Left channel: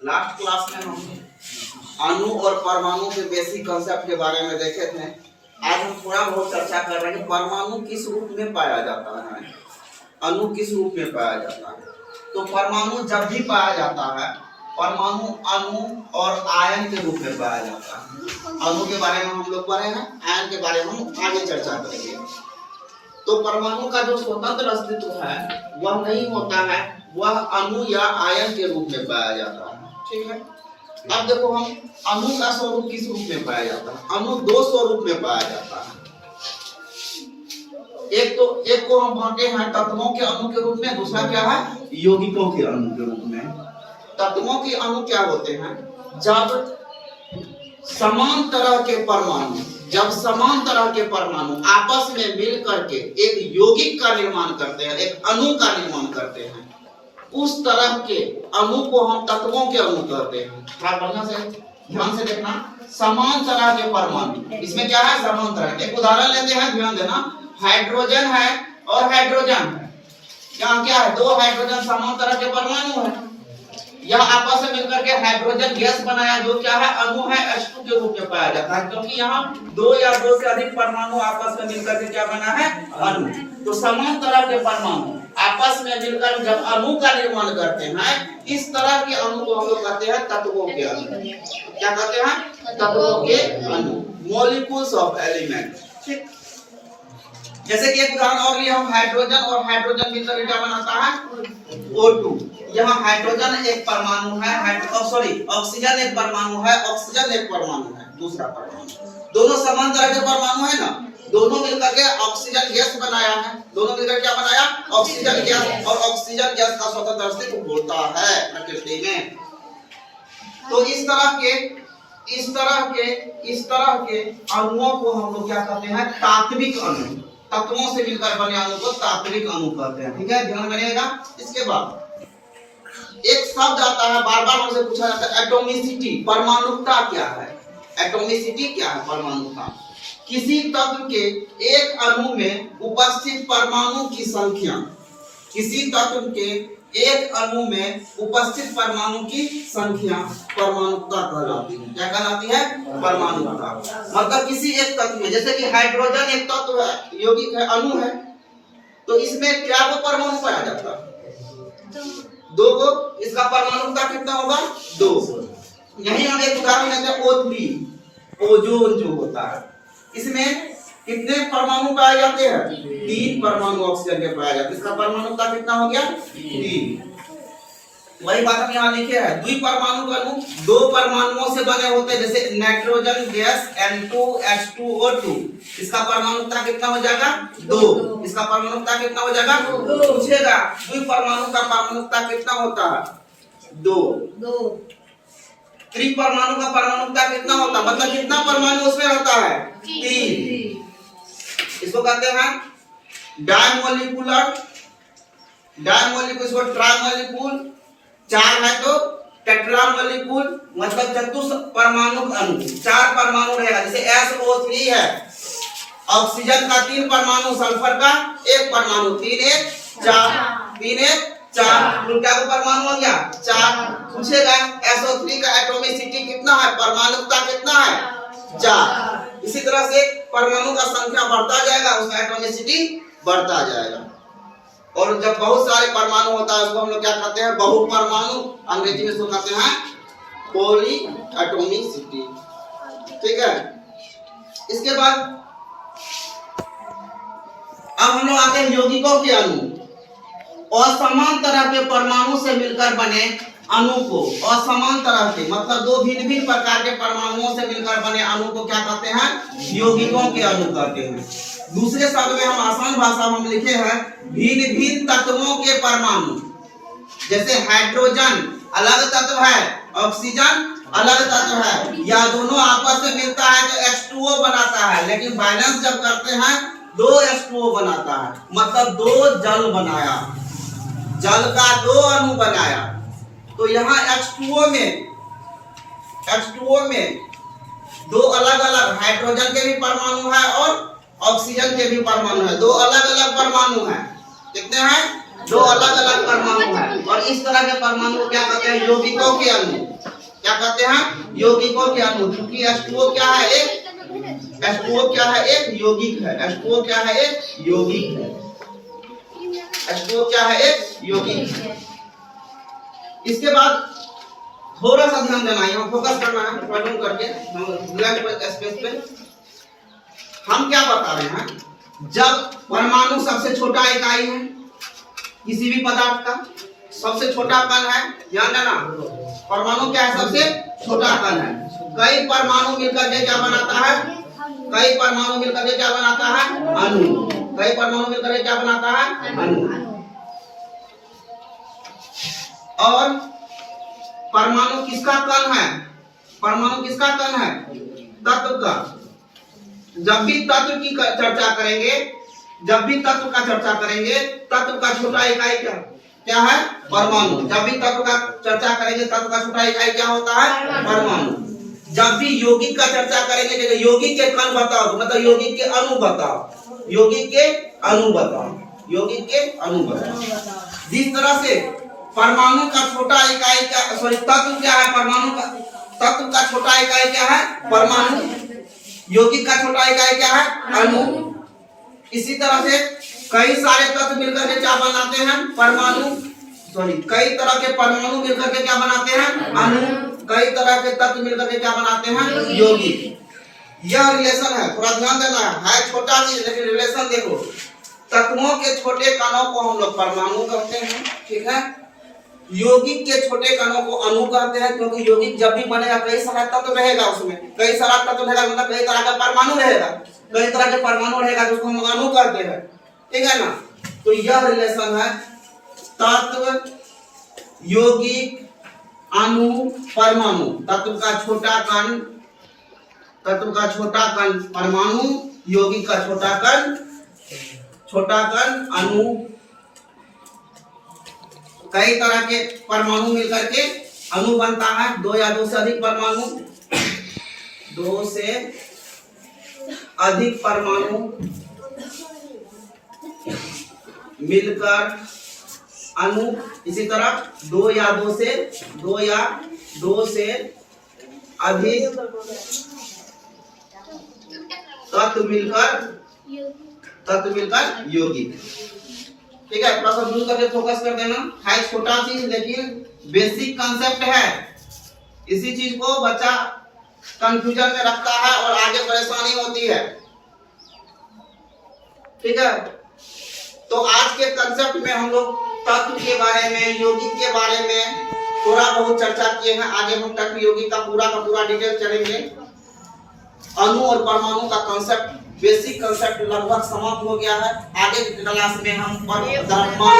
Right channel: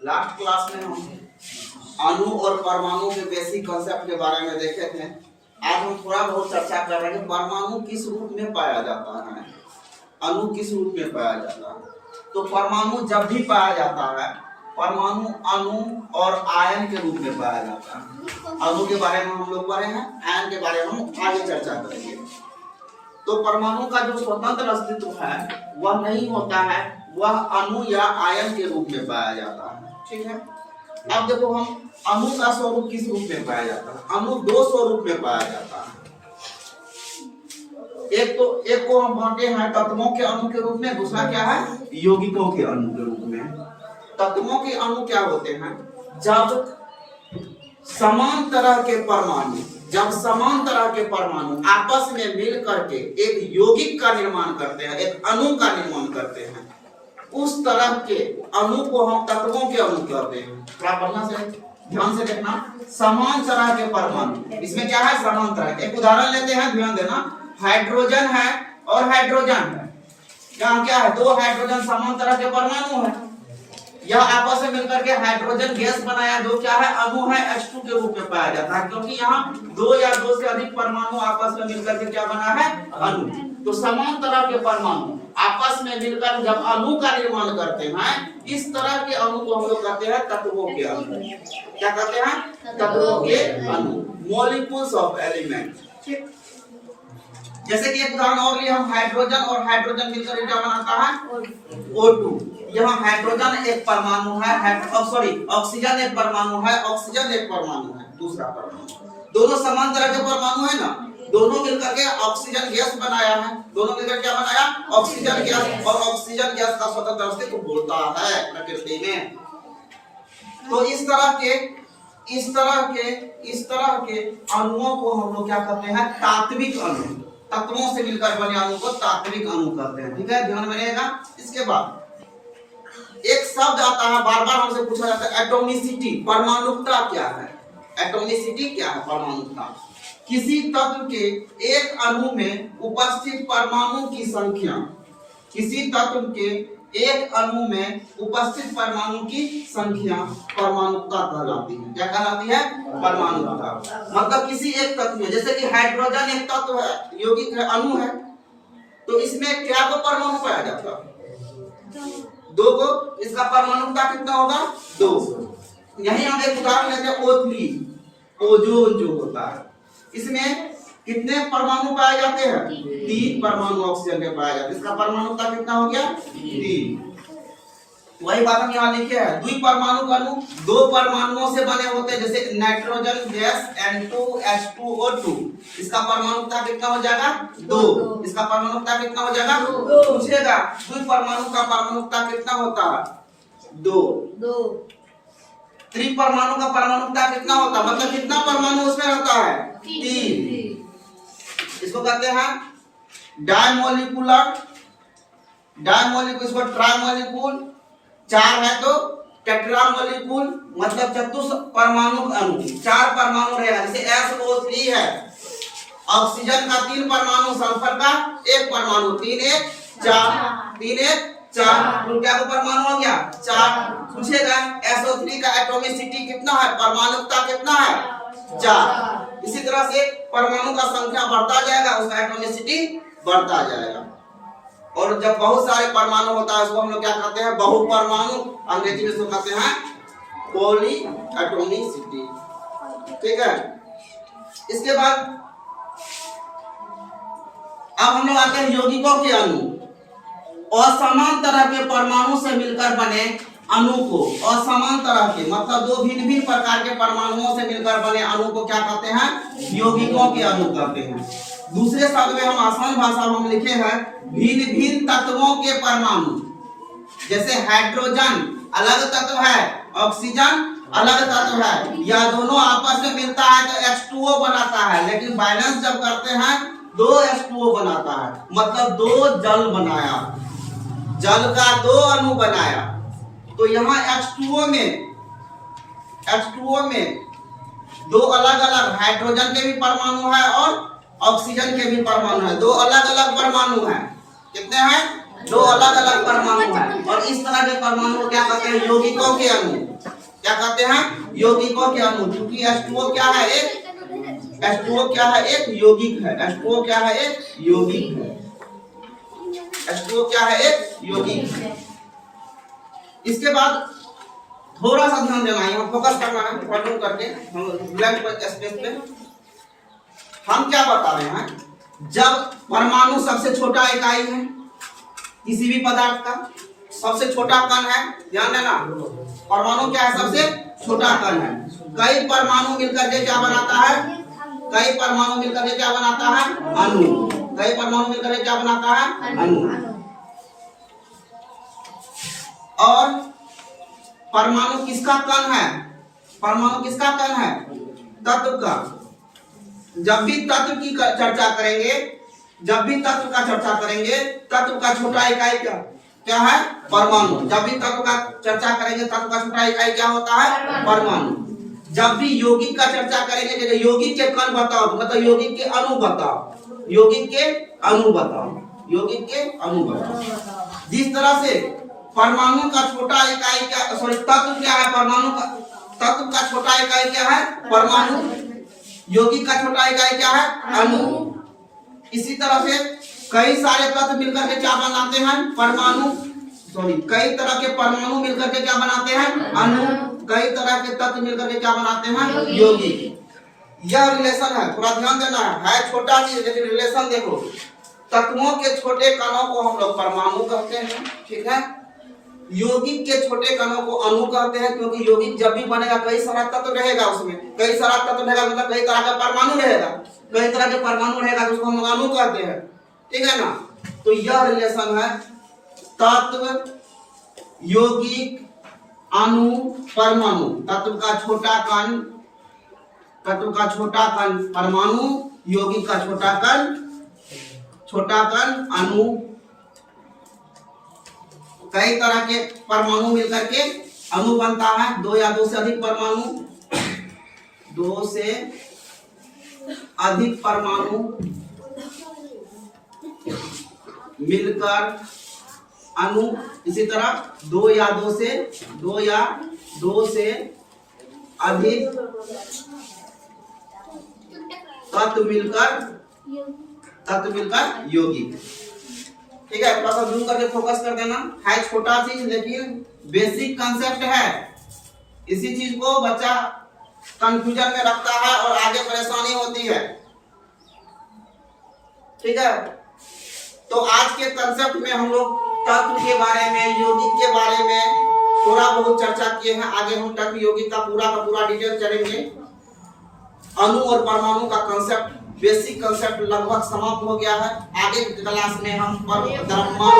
Last class में हम अणु और परमाणु के बेसिक कंसेप्ट के बारे में देखे थे। आज हम थोड़ा बहुत चर्चा कर रहे हैं कि परमाणु किस रूप में पाया जाता है, अणु किस रूप में पाया जाता है। तो परमाणु जब भी पाया जाता है, परमाणु अणु और आयन के रूप में पाया जाता है। अणु के बारे में हम लोग पढ़े हैं, आयन के बारे में हम आगे चर्चा करेंगे। तो परमाणु का जो स्वतंत्र अस्तित्व है वह नहीं होता है, वह अणु या आयन के रूप में पाया जाता है। ठीक है, अब देखो हम अणु का स्वरूप किस रूप में पाया जाता है। अणु दो स्वरूप में पाया जाता है। एक को हम बांटे हैं तत्वों के अणु के रूप में, दूसरा क्या है यौगिकों के अणु के रूप में। तत्वों के अणु क्या होते हैं? जब समान तरह के परमाणु आपस में मिल करके एक यौगिक का निर्माण करते हैं, एक अणु का निर्माण करते हैं, उस तरह के अणु को हम तत्वों के अणु कहते हैं। थोड़ा बढ़िया से ध्यान से देखना, समान तरह के परमाणु, इसमें क्या है समान तरह। एक उदाहरण लेते हैं, ध्यान देना, हाइड्रोजन है और हाइड्रोजन है। यहाँ क्या है? दो हाइड्रोजन समान तरह के परमाणु है। यह आपस में मिलकर के हाइड्रोजन गैस बनाया, जो क्या है अणु है, H2 के रूप में पाया जाता है, क्योंकि यहाँ दो या दो से अधिक परमाणु आपस में मिलकर के क्या बना है अणु। तो समान तरह के परमाणु आपस में मिलकर जब अणु का निर्माण करते हैं, इस तरह के अणु को हम लोग कहते हैं तत्वों के अणु। क्या कहते हैं? तत्वों के अणु, मॉलिक्यूल्स ऑफ एलिमेंट। ठीक, जैसे कि एक उदाहरण और लिए हम, हाइड्रोजन और हाइड्रोजन मिलकर क्या बनाता है O2। यहाँ हाइड्रोजन एक परमाणु है, ऑक्सीजन एक परमाणु है, ऑक्सीजन एक परमाणु है, दूसरा परमाणु, दोनों समान तरह के परमाणु है ना। दोनों मिलकर के ऑक्सीजन गैस बनाया है। दोनों मिलकर क्या बनाया? Oxygen gas. और ऑक्सीजन गैस का स्वतंत्र अस्तित्व होता है प्रकृति में। तो इस तरह के अणुओं को हम लोग क्या कहते हैं? तात्विक अणु। तत्वों से मिलकर बने अणु को तात्विक अणु कहते हैं। ठीक है, ध्यान में रहेगा। इसके बाद एक शब्द आता है, बार बार हमसे पूछा जाता है, एटॉमिसिटी। परमाणुकता क्या है? एटॉमिसिटी क्या है? परमाणुकता किसी तत्व के एक अणु में उपस्थित परमाणु की संख्या, किसी तत्व के एक अणु में उपस्थित परमाणु की संख्या परमाणुकता कहलाती है। क्या कहलाती है? परमाणुकता। मतलब किसी एक तत्व में, जैसे कि हाइड्रोजन एक तत्व है, यौगिक है, अणु है, तो इसमें क्या को परमाणु पाया जाता है? दो को। इसका परमाणुकता कितना होगा? 2। यही हम एक उदाहरण लेते हैं, O3, ओजोन जो होता है, इसमें कितने परमाणु पाए जाते हैं? 3 परमाणु ऑक्सीजन के पाए जाते हैं। इसका परमाणुकता कितना हो गया? 3। वही बात हम यहाँ लिखे हैं, द्विपरमाणु अणु 2 परमाणुओं से बने होते हैं, जैसे नाइट्रोजन गैस N2H2O2। इसका परमाणुकता कितना हो जाएगा? 2। इसका परमाणुकता कितना हो जाएगा? 2। पूछेगा द्विपरमाणु का परमाणुकता कितना होता है? 2। त्रिपरमाणु का परमाणुकता कितना होता है? मतलब कितना परमाणु उसमें रहता है? 3। इसको कहते हैं डायमोलिकुलर। इसको ट्राइमोलिक्यूल, 4 है तो टेट्रामोलिक्यूल, मतलब चतुष्ट परमाणु अणु। 4 परमाणु रहेगा। जैसे SO3 है, ऑक्सीजन का 3 परमाणु, सल्फर का 1 परमाणु, 3 1 4 क्या परमाणु हो गया? 4। पूछेगा SO3 का एटॉमिसिटी कितना है, परमाणुकता कितना है? 4। इसी तरह से परमाणु का संख्या बढ़ता जाएगा, उसका एटॉमिसिटी बढ़ता जाएगा। और जब बहुत सारे परमाणु होता है, उसको हम लोग क्या कहते हैं? बहुपरमाणु। अंग्रेजी में इसको कहते हैं पॉली एटॉमिसिटी। ठीक है, इसके बाद अब हम लोग आते हैं यौगिकों के अणु। असमान तरह के परमाणु से मिलकर बने अणु को, असमान तरह के मतलब 2 भिन्न प्रकार के परमाणुओं से मिलकर बने अणु को क्या कहते हैं? यौगिकों के अणु कहते हैं। दूसरे शब्द में हम आसान भाषा में हम लिखे हैं भिन्न तत्वों के परमाणु। जैसे हाइड्रोजन अलग तत्व है, ऑक्सीजन अलग तत्व है, या दोनों आपस में मिलता है तो H2O बनाता है, लेकिन बैलेंस जब करते हैं 2 H2O बनाता है। मतलब 2 जल बनाया, जल का 2 अणु बनाया। तो यहाँ H2O में 2 अलग अलग हाइड्रोजन के भी परमाणु है और ऑक्सीजन के भी परमाणु है। 2 अलग अलग परमाणु हैं। कितने हैं? दो अलग अलग परमाणु है, और इस तरह के परमाणु को क्या कहते हैं? यौगिकों के अणु। क्या कहते हैं? यौगिकों के अणु। क्योंकि H2O क्या है? H2O क्या है? एक यौगिक है। H2O क्या है? एक यौगिक है। H2O क्या है? एक यौगिक है। इसके बाद थोड़ा सा ध्यान देना है, यहाँ फोकस करना है, पॉइंट करके हम ब्लैंक स्पेस पे हम क्या बता रहे हैं? जब परमाणु सबसे छोटा इकाई है किसी भी पदार्थ का, सबसे छोटा कण है, ध्यान देना, परमाणु क्या है? सबसे छोटा कण है। कई परमाणु मिलकर के क्या बनाता है? कई परमाणु मिलकर के क्या बनाता है? अणु। कई परमाणु मिलकर के क्या बनाता है? अणु। और परमाणु किसका कण है? परमाणु किसका कण है? तत्व का। जब भी तत्व की चर्चा करेंगे, जब भी तत्व का चर्चा करेंगे, तत्व का छोटा इकाई क्या है? परमाणु। जब भी तत्व का चर्चा करेंगे, तत्व का छोटा इकाई क्या होता है? परमाणु। जब भी यौगिक का चर्चा करेंगे, जैसे यौगिक के कण बताओ, मतलब यौगिक के अणु बताओ, यौगिक के अणु बताओ, यौगिक के अणु बताओ। जिस तरह से परमाणु का छोटा इकाई क्या, सॉरी, तत्व क्या है? परमाणु का तत्व का छोटा इकाई क्या है? परमाणु। यौगिक का छोटा इकाई क्या है? अणु। इसी तरह से कई सारे तत्व मिलकर के क्या बनाते हैं? परमाणु। सॉरी, कई तरह के परमाणु मिलकर के क्या बनाते हैं? अणु। कई तरह के तत्व मिलकर के क्या बनाते हैं? यौगिक। यह रिलेशन है, थोड़ा ध्यान देना है छोटा चीज, लेकिन रिलेशन देखो। तत्वों के छोटे कणों को हम लोग परमाणु कहते हैं, ठीक है। यौगिक के छोटे कणों को अणु कहते हैं, क्योंकि यौगिक जब भी बनेगा कई सारा तत्व रहेगा, उसमें कई सारा तत्व रहेगा, मतलब कई तरह का परमाणु रहेगा, कई तरह के परमाणु रहेगा, तो उसको हम अणु कहते हैं, ठीक है ना। तो यह रिलेशन है तत्व, यौगिक, अणु, परमाणु। तत्व का छोटा कण, तत्व का छोटा कण परमाणु, यौगिक का छोटा कण अणु। कई तरह के परमाणु मिलकर के अणु बनता है। दो या दो से अधिक परमाणु, दो से अधिक परमाणु मिलकर अणु। इसी तरह दो या दो से अधिक तत्व मिलकर यौगिक, ठीक है। थोड़ा सा जूम करके फोकस कर देना है, छोटा चीज लेकिन बेसिक कंसेप्ट है। इसी चीज को बच्चा कंफ्यूजन में रखता है और आगे परेशानी होती है, ठीक है। तो आज के कंसेप्ट में हम लोग तत्व के बारे में, यौगिक के बारे में थोड़ा बहुत चर्चा किए हैं। आगे हम तत्व यौगिक का पूरा डिटेल चलेंगे। अणु और परमाणु का कंसेप्ट, बेसिक कंसेप्ट लगभग समाप्त हो गया है। आगे की क्लास में हम द्रव्यमान